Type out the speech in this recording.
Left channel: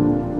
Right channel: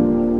Amen.